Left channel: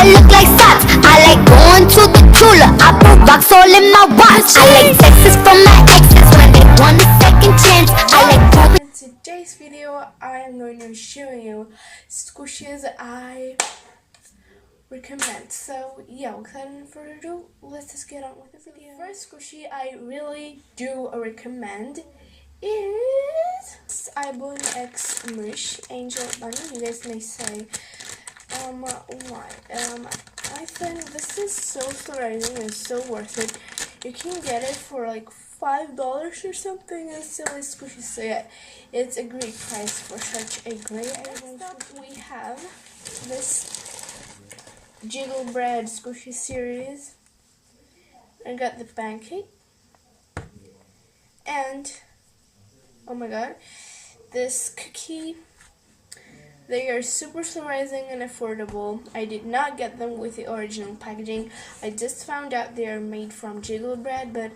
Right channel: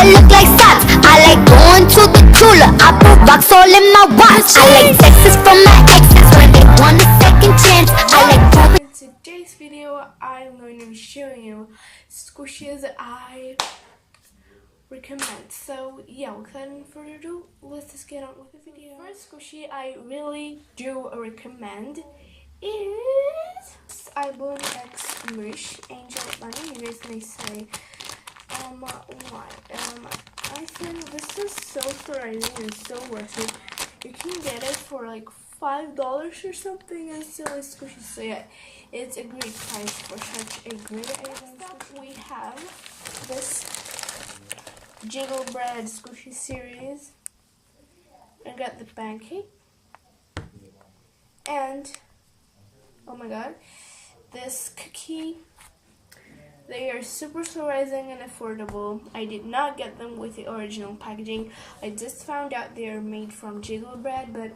that look like socks. I like going to the cooler, I put rocks all in my watch. I like texts from my exes when they want a second chance. I like pooping. In today's video, I am going to show you squishes I recommend. So yeah, without any further ado, let's just get on with the video. First squishy I really do recommend is iBloom X Smush Angel Bunny. You guys may say, why? I think this is so surprising and so worth it. You can get it for like $5 or something, and still is squishy. So yeah, it's a great price for such a great item. Next up, we have this Jiggle Bread Squishy series. I got the pancake, and oh my god, this cookie. They are super surprising and affordable. I did not get them with the original packaging. I just found out they are made from Jiggle Bread, but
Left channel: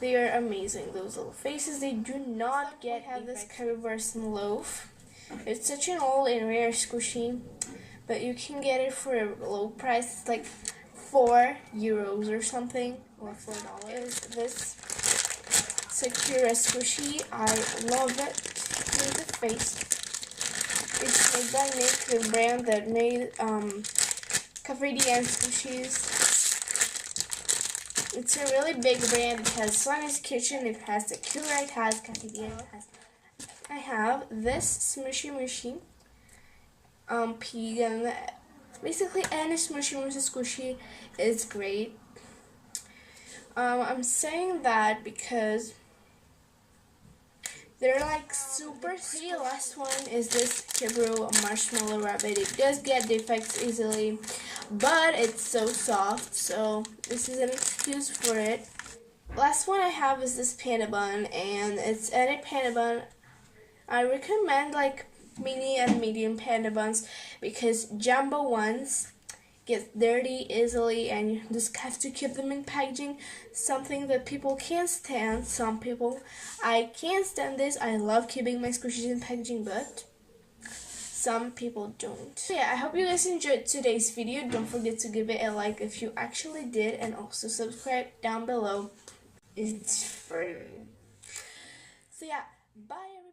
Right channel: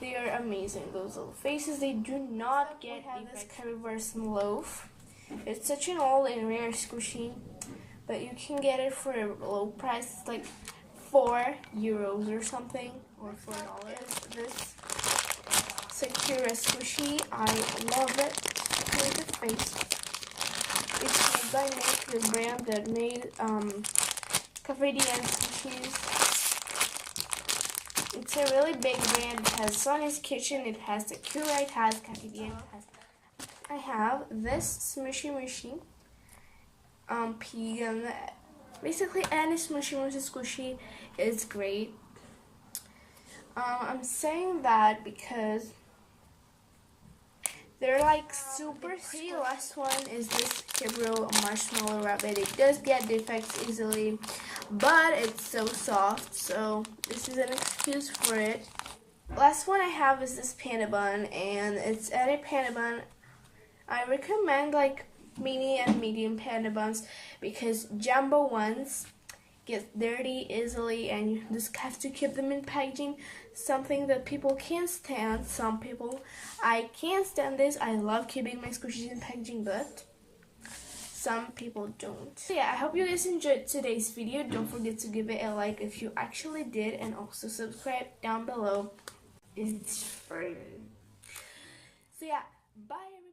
they are amazing. Those little faces, they do not get. Have this Currywurst loaf. It's such an old and rare squishy, but you can get it for a low price. It's like €4 or something, or $4. Is this Sakura squishy? I love it. Here's the face. It's made by Nick, the brand that made Cafe and squishies. It's a really big brand. It has Sonny's Kitchen, it has the Cura, it has Cafe it has. I have this smushy machine. Pig, and basically any smushy squishy is great. I'm saying that because they're like super pretty. Last one is this Hebrew Marshmallow Rabbit. It does get defects easily, but it's so soft, so this is an excuse for it. Last one I have is this panda bun, and it's any panda bun. I recommend like mini and medium panda buns because jumbo ones get dirty easily and you just have to keep them in packaging, something that people can't stand. Some people, I can't stand this. I love keeping my squishies in packaging, but some people don't. So yeah, I hope you guys enjoyed today's video. Don't forget to give it a like if you actually did, and also subscribe down below. It's free. So yeah, bye everyone.